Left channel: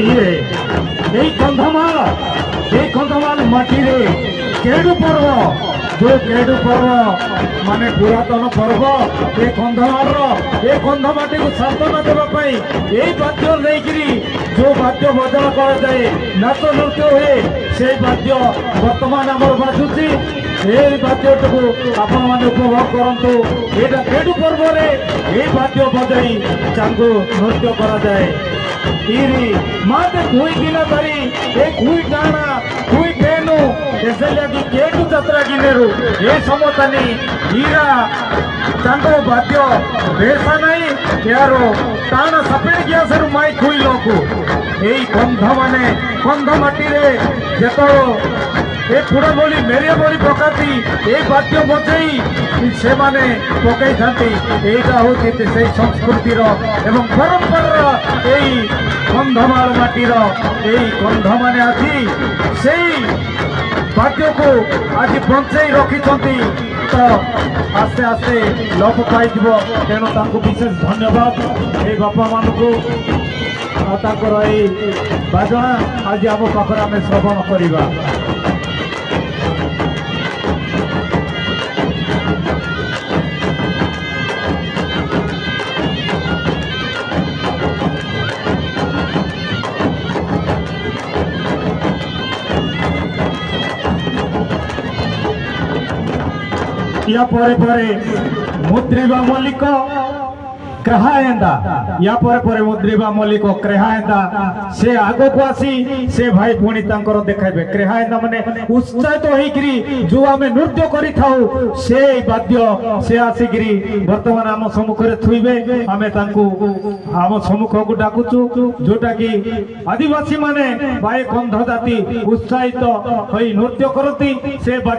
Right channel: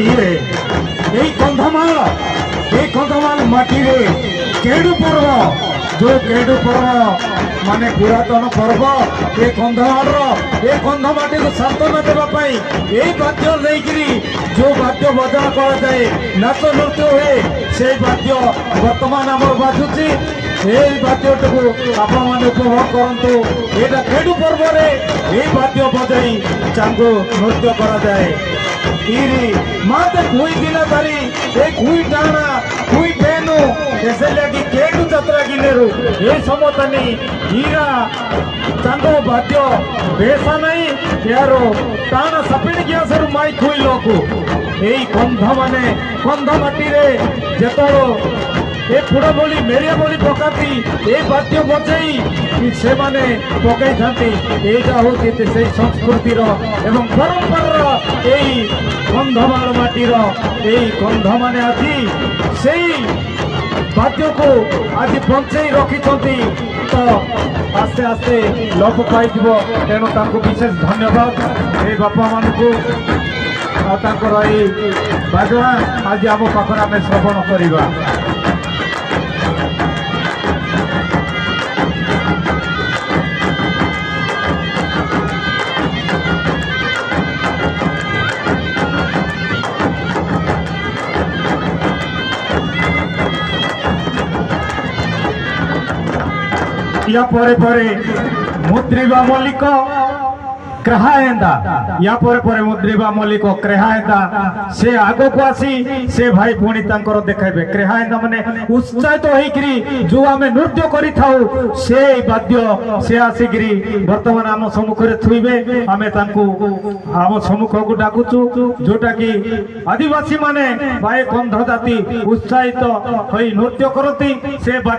ଇଏ ଏଇ କନ୍ଧମାଳ ମାଟିରେ କେଡୁ ପର୍ବ जो केडु पर्व माने पुरातन पर्व ए कंधमाटी को सांत्वना देवाई यही वाद्य लेकिन जो वाद्य बजाण कराए नाच नृत्य हुए से वाद्य बर्तमान आम बाजुची यही वाद्य आपण मैंने उपभोग करूँ यहाँ केडु पर्व यही वाद्य बजाई चांगो नृत्य कराए माते कुई दिन धरी ए कुई टाणा कुई टेनु ऐसे लगी केडु जात्रा गिनेरु ए समतनी हीरा चांदो वाद्य बेसा नहीं यारो टाणा सपेड़ गया सर माई कुई लोकु एई कंध माने कंध माटी रे जेतो ए पुड़ा बोली मेरिया बोली पकाती ए वाद्य बजाई से माने पकाई थांती एटा होती से संस्कृति रो एवं परंपरा एई कंधमाल माटीर यही कंध माने आज से वाद्य को आज बंचाई रखिंट तो आस्ते आस्ते लोप पाई तेणु विशेष धन्यवाद ये बापा मान को बाजना आज आम पाखर आम श्रवण करवा या परे मुद्रिबा मल्लिक क्रेहाएंदा या परे मुद्रिबा मल्लिक क्रेहाएंदा से आगो को आसी से भाई पुणी तांकर देखाइबे क्रेहाएंदा माने उत्साहित होइकरी जो आमे नृत्य करि थाउ से वाद्य से आसीकरी वर्तमान आम सम्मुख रे थुइबे आमे तांको आम सम्मुख को डाकुचु जोटा कि आदिवासी माने भाई कंध जाति उत्साहित होई नृत्य करती से